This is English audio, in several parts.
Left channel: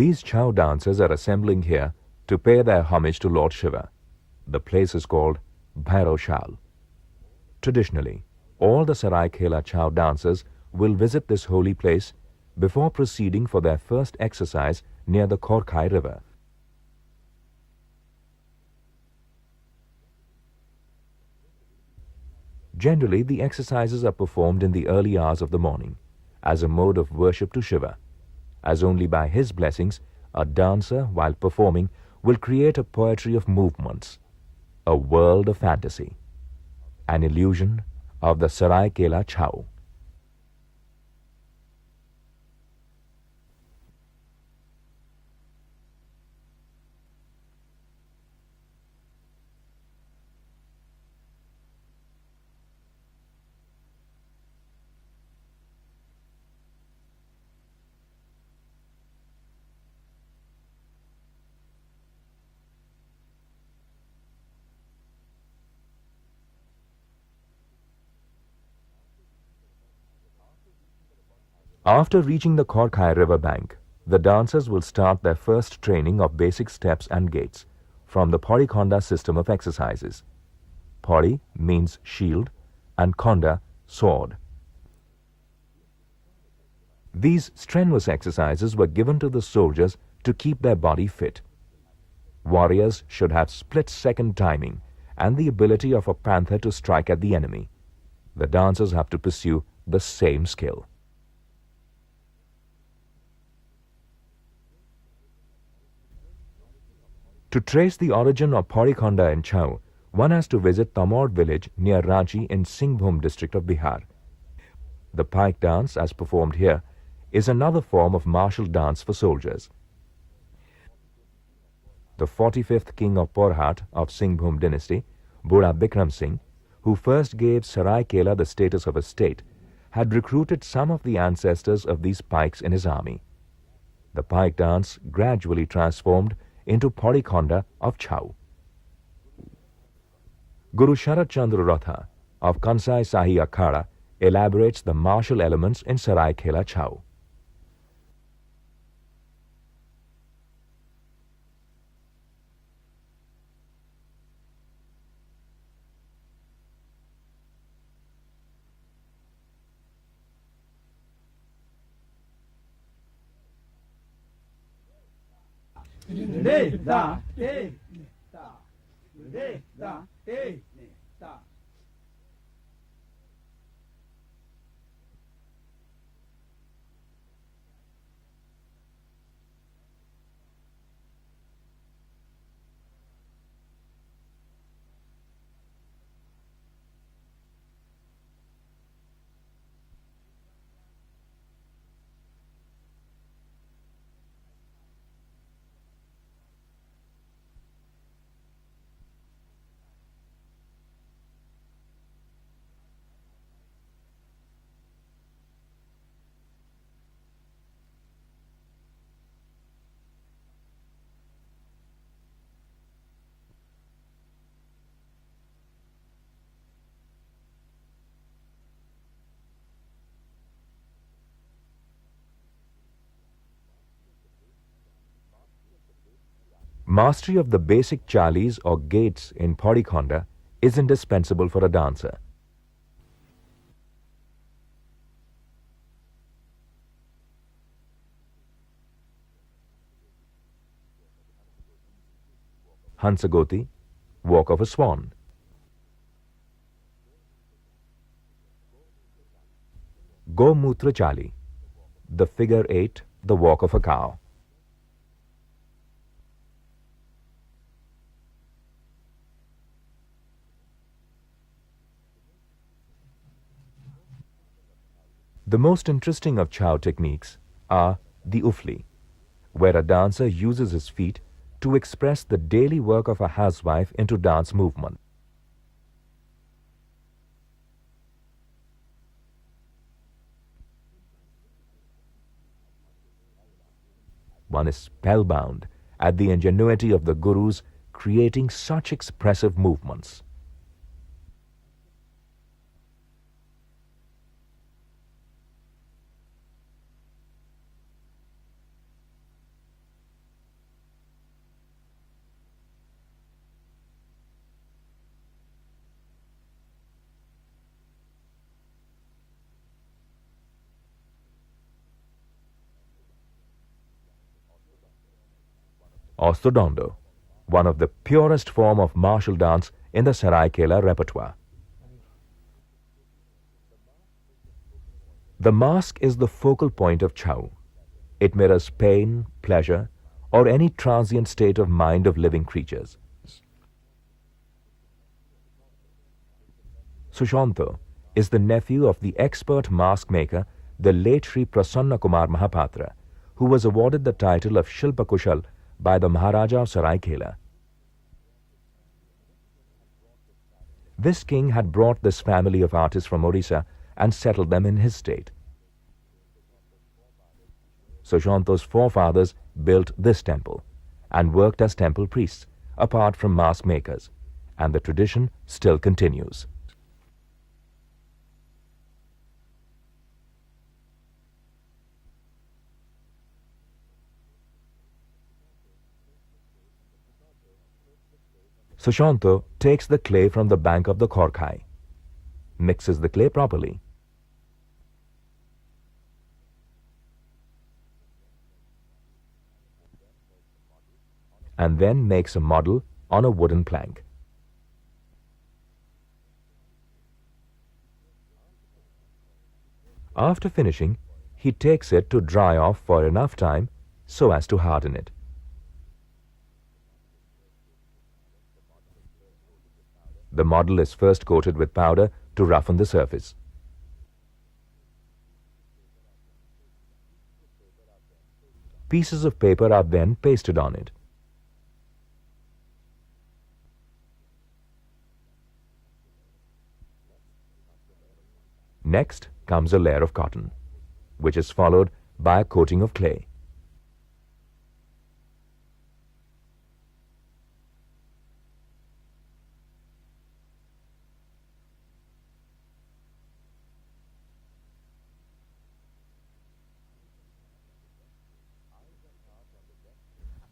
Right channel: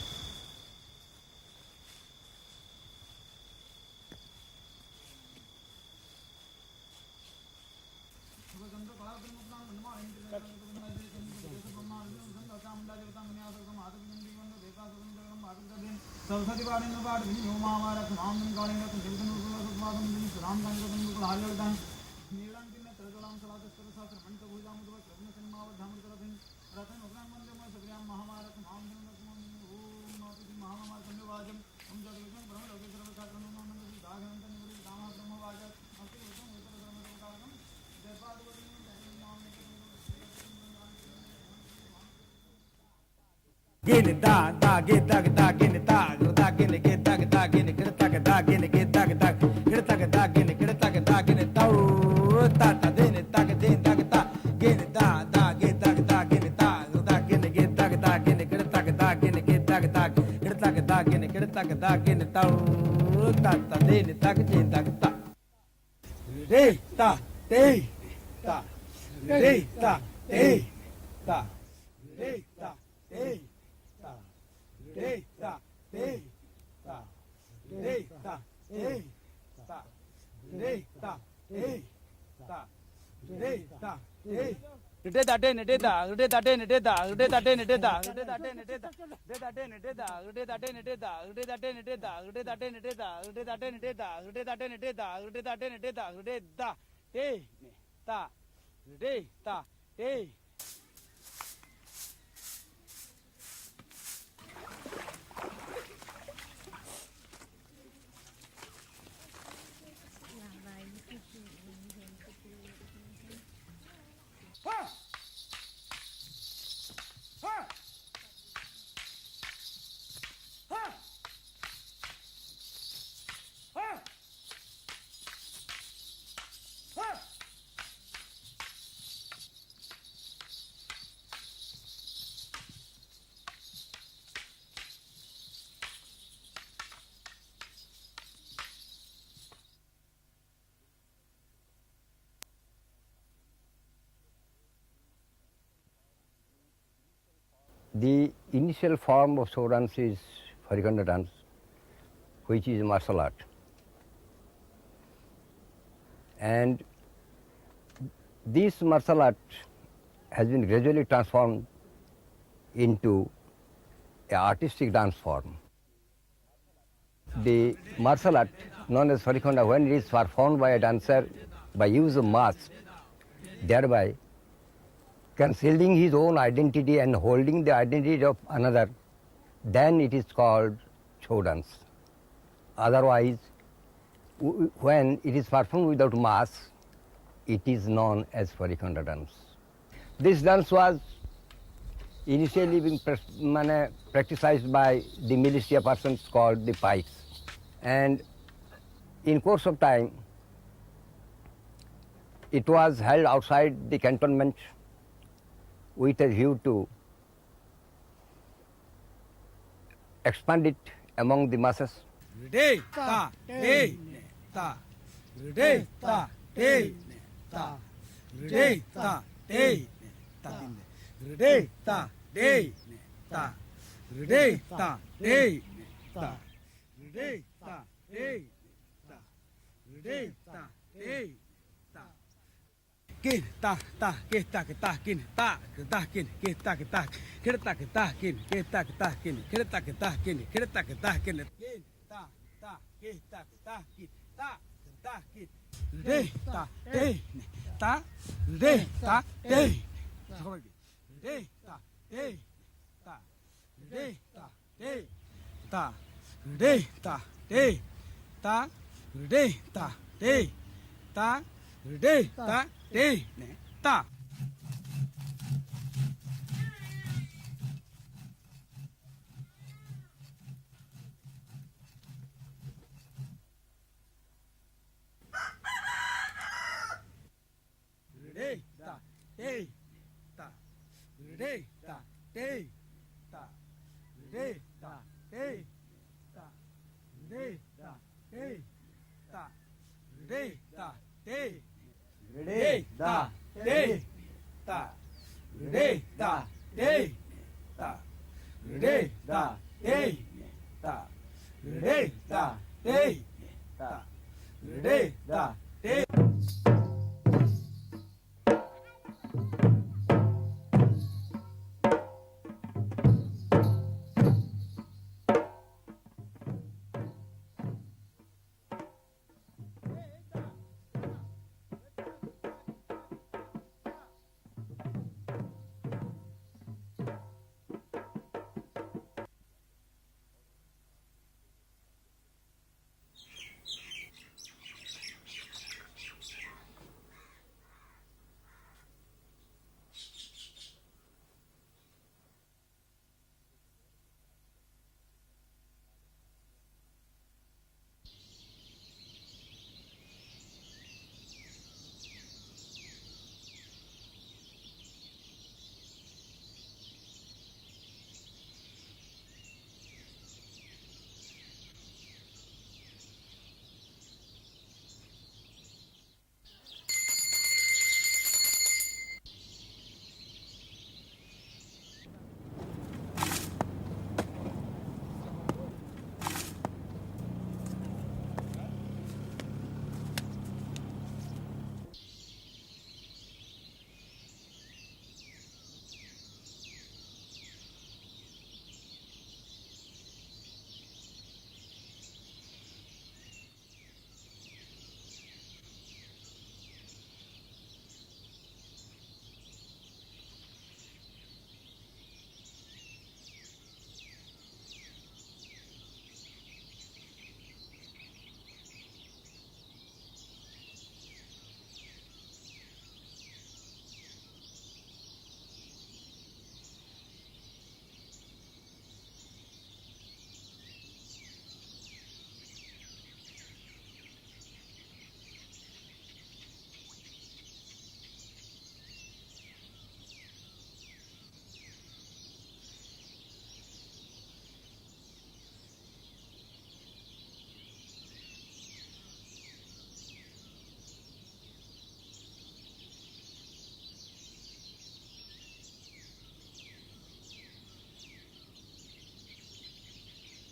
These Chhau dancers are assembling here to pay their homage to Lord Shiva. The place is called Bhairashal. Traditionally, all the Seraikella Chhau dancers will visit this holy place before proceeding for their first exercise near the Khorkhai river. Generally, the exercises are performed in the early hours of the morning as a mode of worship to Shiva, as only by his blessings a dancer, while performing, will create a poetry of movements, a world of fantasy, an illusion of the Seraikella Chhau. After reaching the Khorkhai river bank, the dancers will start their first training of basic steps and gaits from the Paurikhonda system of exercises. Pauri means shield and Khonda, sword. These strenuous exercises were given to the soldiers to keep their body fit. Warriors should have split-second timing and the ability of a panther to strike at the enemy. The dancers have to pursue the same skill. To trace the origin of Paurikhonda in Chhau, one has to visit Tamod village near Ranchi in Singhbhum district of Bihar. The pike dance, as performed here, is another form of martial dance for soldiers. The 45th king of Porhat of Singhbhum dynasty, Bura Bikram Singh, who first gave Seraikella the status of a state, had recruited some of the ancestors of these pikes in his army. The pike dance gradually transformed into Paurikhonda of Chhau. Guru Sharat Chandra Ratha of Kansai Sahi Akhada elaborates the martial elements in Seraikella Chhau. The initial form of show dance is Paurikhonda dance, which is martial art. And this martial art has been gradually transformed into an artistic dance form. The martial art known as Paurikhonda, when it is performed by a dancer by use of mask, thereby concealing his own identity and holding the identity of another, then it is called show dance. Otherwise, when it is performed without mask, it is known as Paurikhonda dance. This dance was initially being practiced by the militia persons called the pikes. And in course of time, it was held outside the cantonment with a view to expand it among the masses. Mastery of the basic chalis or gaits in Paurikhonda is indispensable for a dancer. Hansagoti, walk of a swan. Gomutra Chali, the figure 8, the walk of a cow. The most interesting of Chhau techniques are the ufli, where a dancer uses his feet to express the daily work of a housewife into dance movement. One is spellbound at the ingenuity of the gurus creating such expressive movements. Day, da, day, da, day, da, day, da, day. Orthodondo, one of the purest form of martial dance in the Seraikella repertoire. The mask is the focal point of Chhau. It mirrors pain, pleasure, or any transient state of mind of living creatures. Sushanto is the nephew of the expert mask maker, the late Sri Prasanna Kumar Mahapatra, who was awarded the title of Shilpa Kushal by the Maharaja of Seraikella. This king had brought this family of artists from Orissa and settled them in his state. Sushanto's forefathers built this temple and worked as temple priests, apart from mask makers, and the tradition still continues. Sushanto takes the clay from the bank of the Khorkhai, mixes the clay properly, and then makes a model on a wooden plank. After finishing, he takes it to dry off for enough time so as to harden it. The model is first coated with powder to roughen the surface. Pieces of paper are then pasted on it. Next comes a layer of cotton, which is followed by a coating of clay.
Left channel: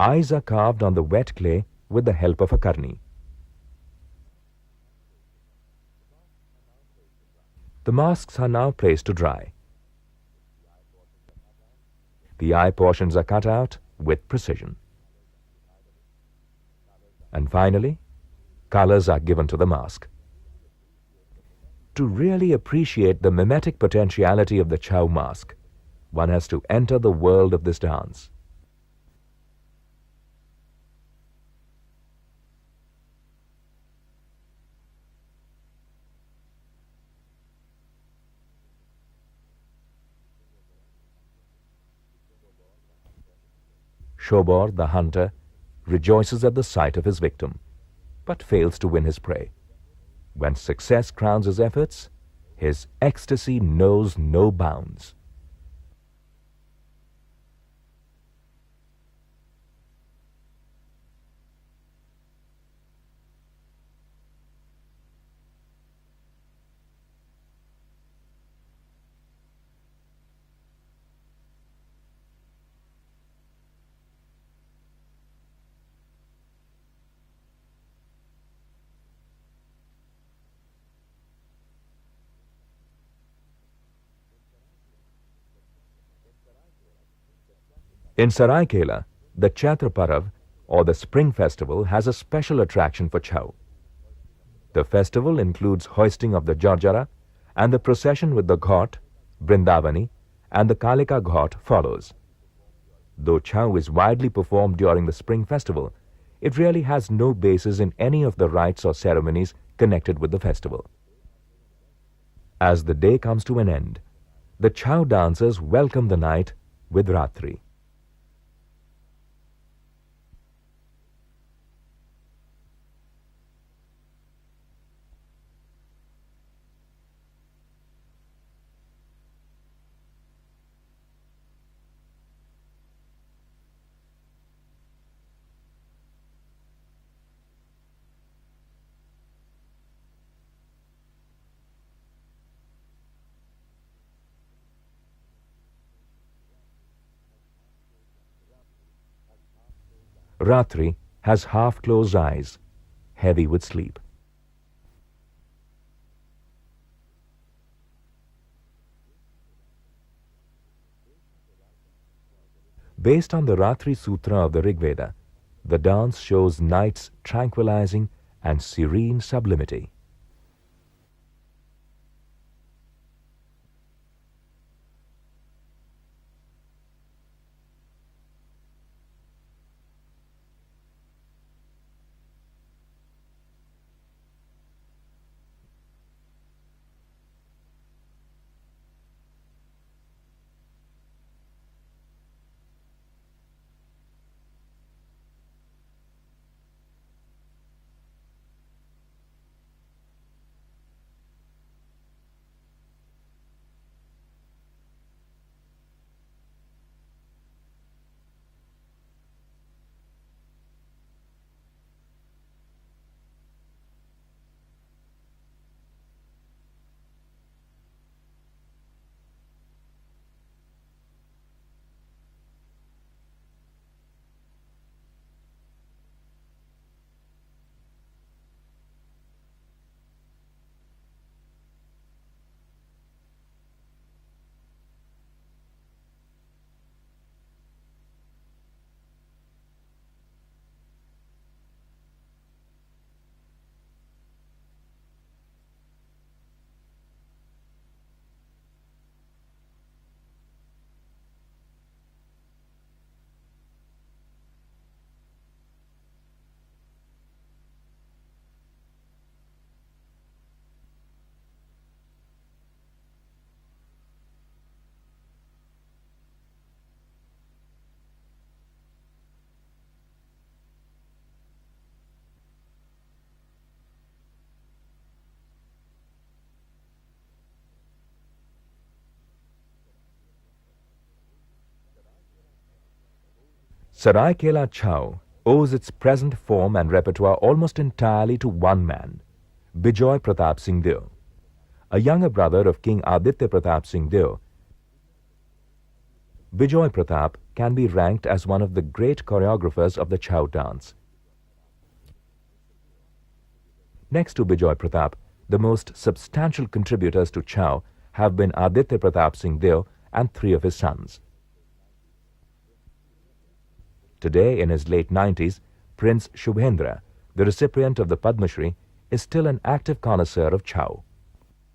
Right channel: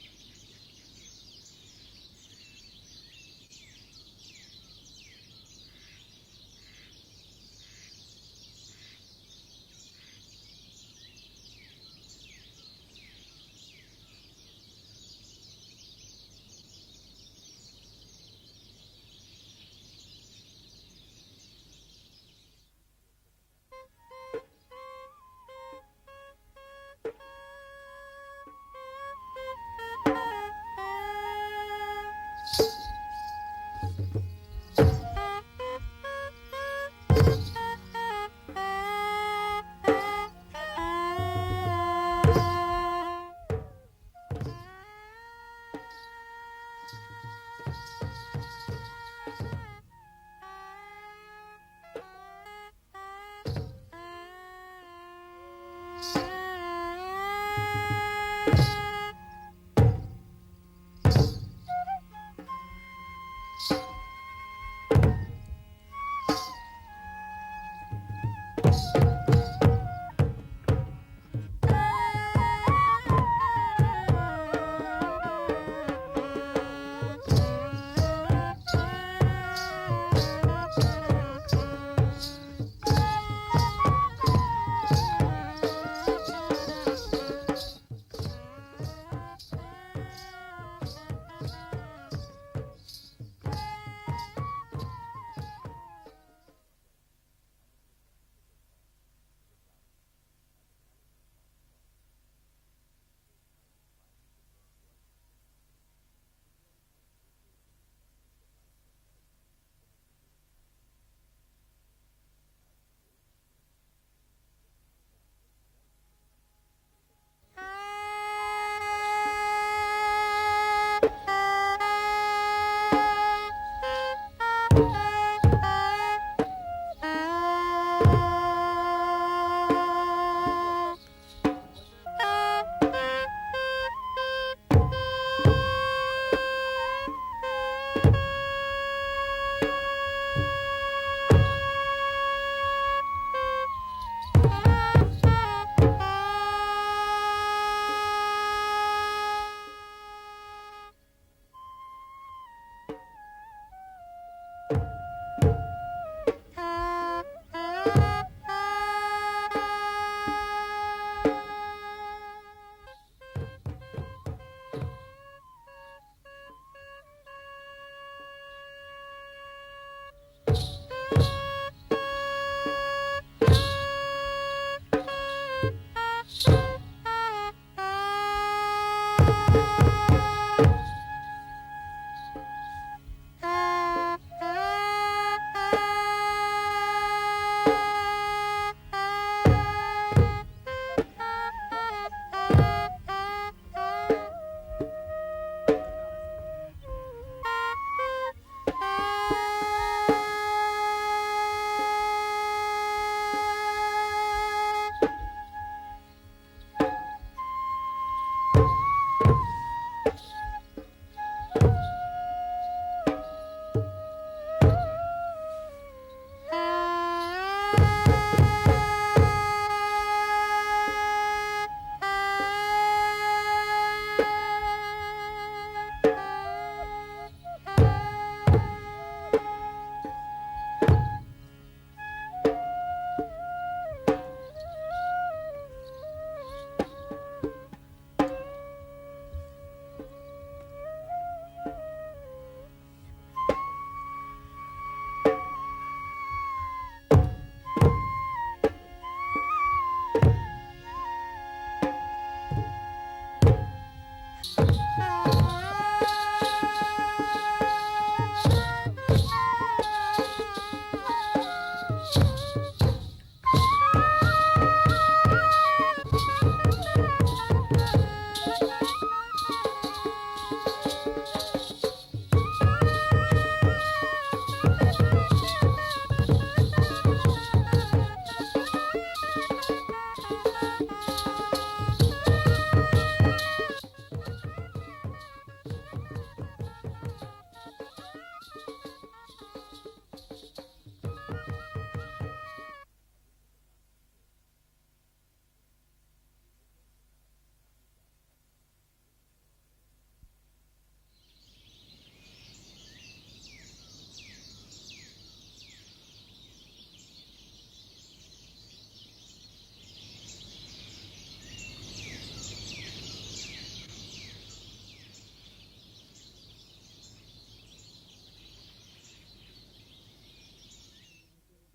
Eyes are carved on the wet clay with the help of a karni. The masks are now placed to dry. The eye portions are cut out with precision. And finally, colors are given to the mask. To really appreciate the mimetic potentiality of the Chhau mask, one has to enter the world of this dance. Shobor, the hunter, rejoices at the sight of his victim, but fails to win his prey. When success crowns his efforts, his ecstasy knows no bounds. In Seraikella, the Chaitra Parab, or the Spring Festival, has a special attraction for Chhau. The festival includes hoisting of the Jarjara, and the procession with the Ghat, Brindavani, and the Kalika Ghat follows. Though Chhau is widely performed during the Spring Festival, it really has no basis in any of the rites or ceremonies connected with the festival. As the day comes to an end, the Chhau dancers welcome the night with Ratri. Ratri has half-closed eyes, heavy with sleep. Based on the Ratri Sutra of the Rig Veda, the dance shows night's tranquilizing and serene sublimity. Seraikella Chhau owes its present form and repertoire almost entirely to one man, Bijoy Pratap Singh Deo. A younger brother of King Aditya Pratap Singh Deo, Bijoy Pratap can be ranked as one of the great choreographers of the Chhau dance. Next to Bijoy Pratap, the most substantial contributors to Chhau have been Aditya Pratap Singh Deo and 3 of his sons. Today, in his late 90s, Prince Shubhendra, the recipient of the Padma Shri, is still an active connoisseur of Chhau.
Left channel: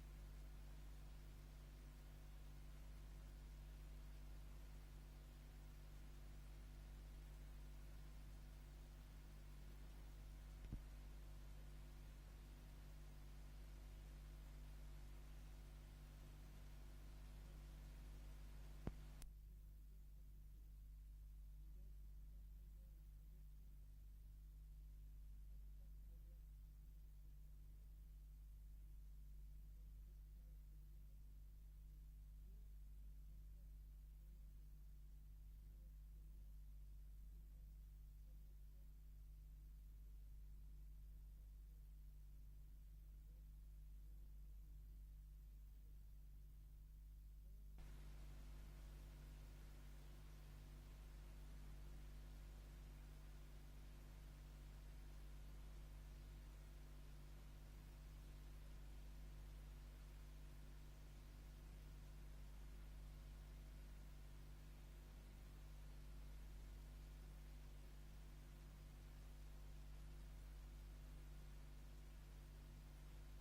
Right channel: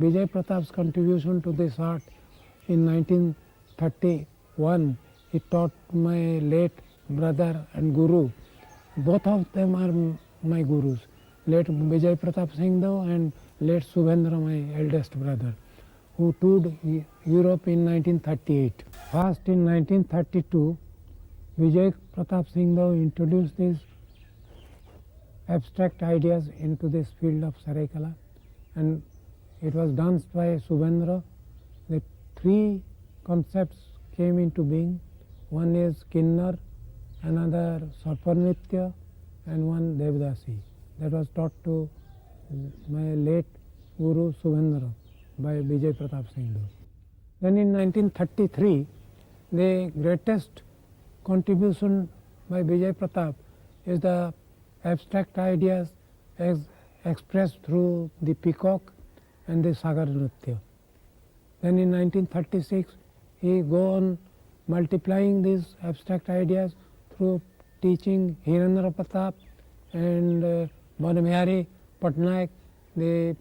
Vijay Pratap's contribution to this art in 1931, he taught my late brother and guru. Both of them are my gurus, late Vijay Pratap Singh Deo and late Shubhendra, my eldest brother, who toured Europe in 1938. First in 1932, Vijay Pratap Singh Deo introduced these abstract ideas into this field of Seraikella, and it was danced by Shubhendra. The 3 concepts came into being. One is Kinnar, another Sarpanritya, and one Devdasi. That was taught to my late Guru Shubhendra by Vijay Pratap Singh Deo. Then in 1933, the greatest contribution by Vijay Pratap is the abstract ideas expressed through the peacock and the Sagar Nritya. Then in 1936, he go on multiplying these abstract ideas through teaching Hirendra Pratap and Banamihari Patnaik, the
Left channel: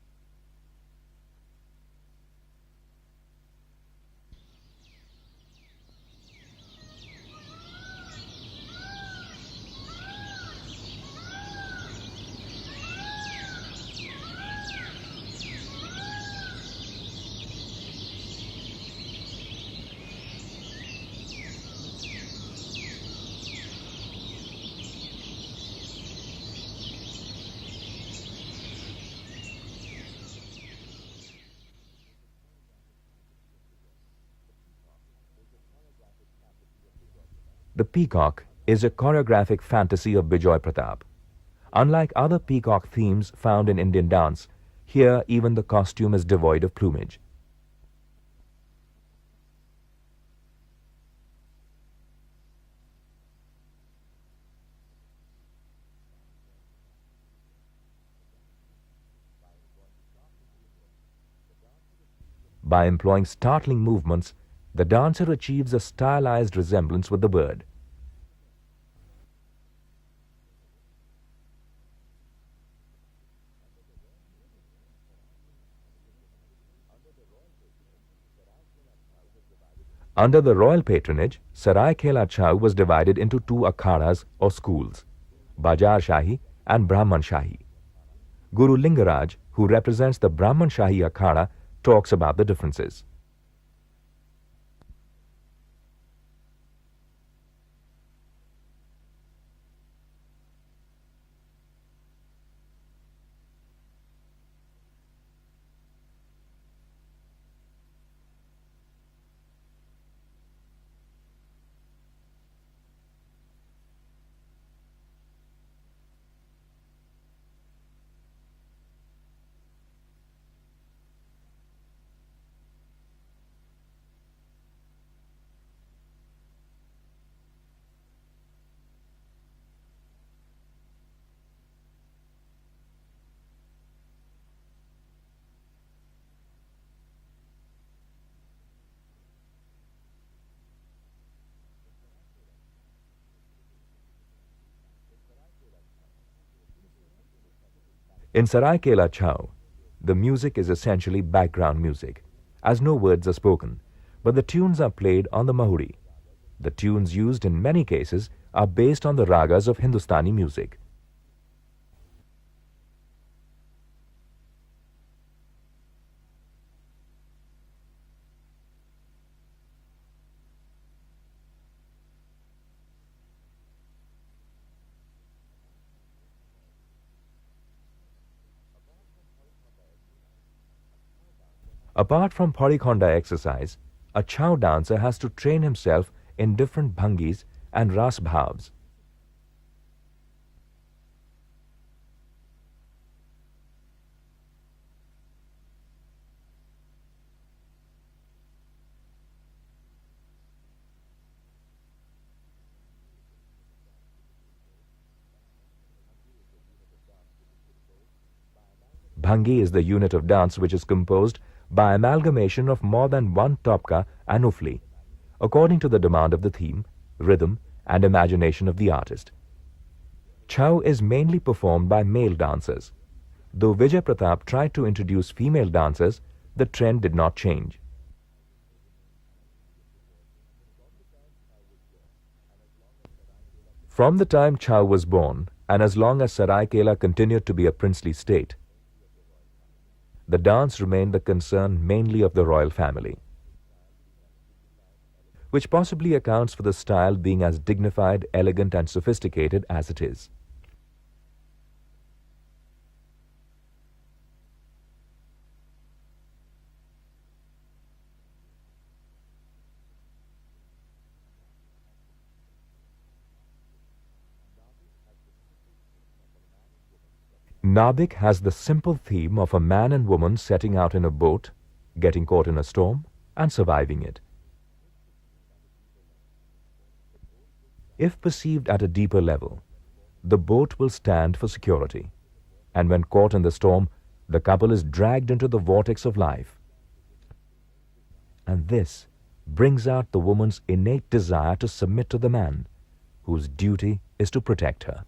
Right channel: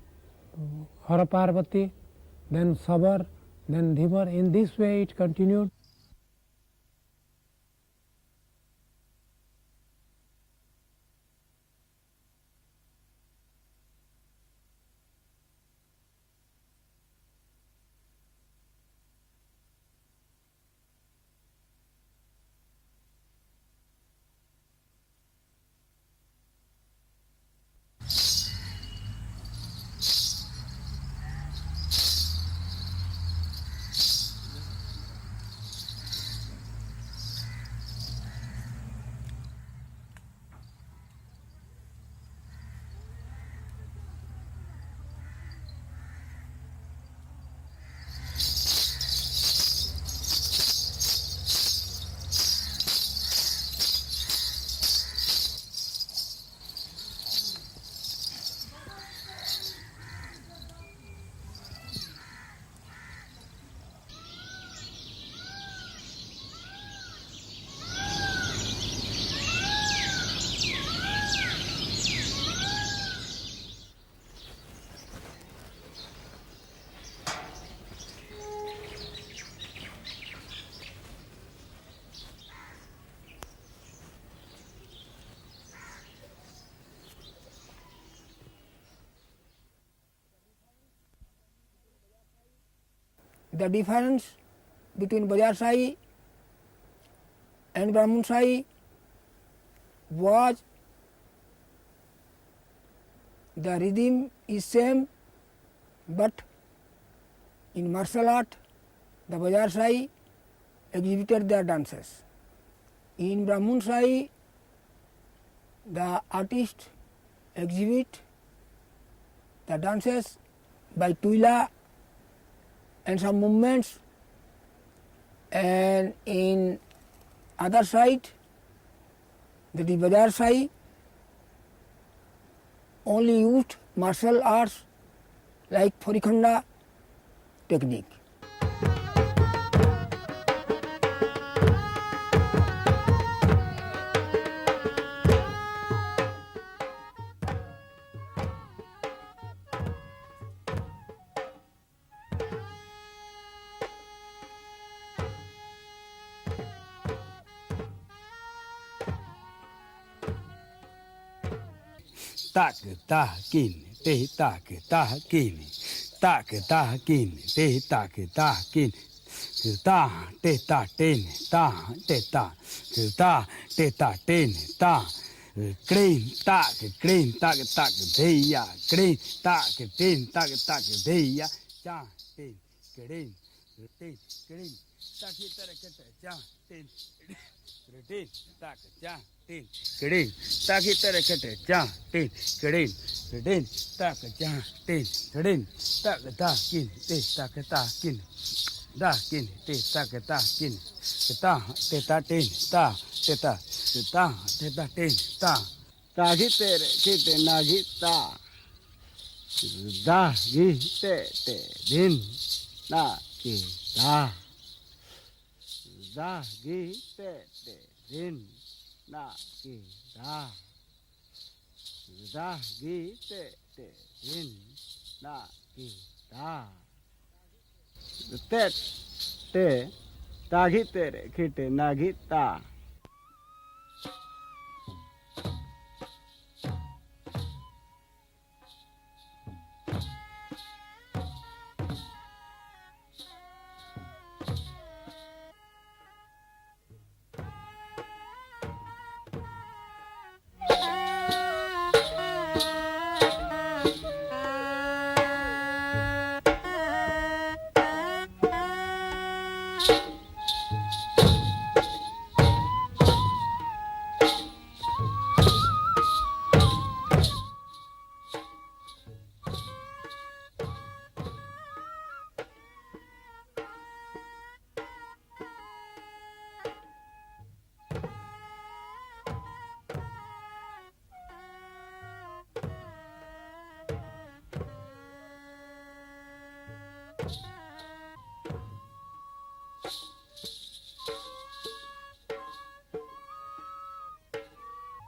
Hara Parvati, then Sabar, then Dhimar. In this way it continued. The peacock is a choreographic fantasy of Bijoy Pratap. Unlike other peacock themes found in Indian dance, here even the costume is devoid of plumage. By employing startling movements, the dancer achieves a stylized resemblance with the bird. Under the royal patronage, Seraikella Chhau was divided into two akhadas or schools, Bajar Shahi and Brahman Shahi. Guru Lingaraj, who represents the Brahman Shahi akhada, talks about the differences. The difference between Bajar Shahi and Brahman Shahi was the rhythm is same, but in martial art the Bajar Shahi exhibited their dances. In Brahman Shahi the artist exhibit the dances by Tuila and some movements, and in other side, that is Bajar Shahi, only used martial arts like Seraikella technique. In Seraikella Chhau, the music is essentially background music, as no words are spoken, but the tunes are played on the mahuri. The tunes used in many cases are based on the ragas of Hindustani music. Tak ta kin, te tak ta kin, tak ta kin, te tak ta kin. Ta te ta ten, ta te ta, ta te ta ten, ta. Clean, tak, deya, clean, tak, ten, tak, deya. Apart from Parikhonda exercise, a Chhau dancer has to train himself in different bhangis and ras bhavs. Clean, tak, tere, ja, ten, clean, tak, ja, ten, clean, tak, ta, kin, te, tak, ta, kin. Da, kin, te, tak, ta, kin. Ta, te, ta, ten, ta, te, ta. Bhangi is the unit of dance which is composed by amalgamation of more than one topka and ufli, according to the demand of the theme, rhythm and imagination of the artist. Chhau is mainly performed by male dancers. Though Vijay Pratap tried to introduce female dancers, the trend did not change. From the time Chhau was born, and as long as Seraikella continued to be a princely state, the dance remained the concern mainly of the royal family, which possibly accounts for the style being as dignified, elegant and sophisticated as it is. Nabik has the simple theme of a man and woman setting out in a boat, getting caught in a storm and surviving it. If perceived at a deeper level, the boat will stand for security, and when caught in the storm, the couple is dragged into the vortex of life. And this brings out the woman's innate desire to submit to the man, whose duty is to protect her.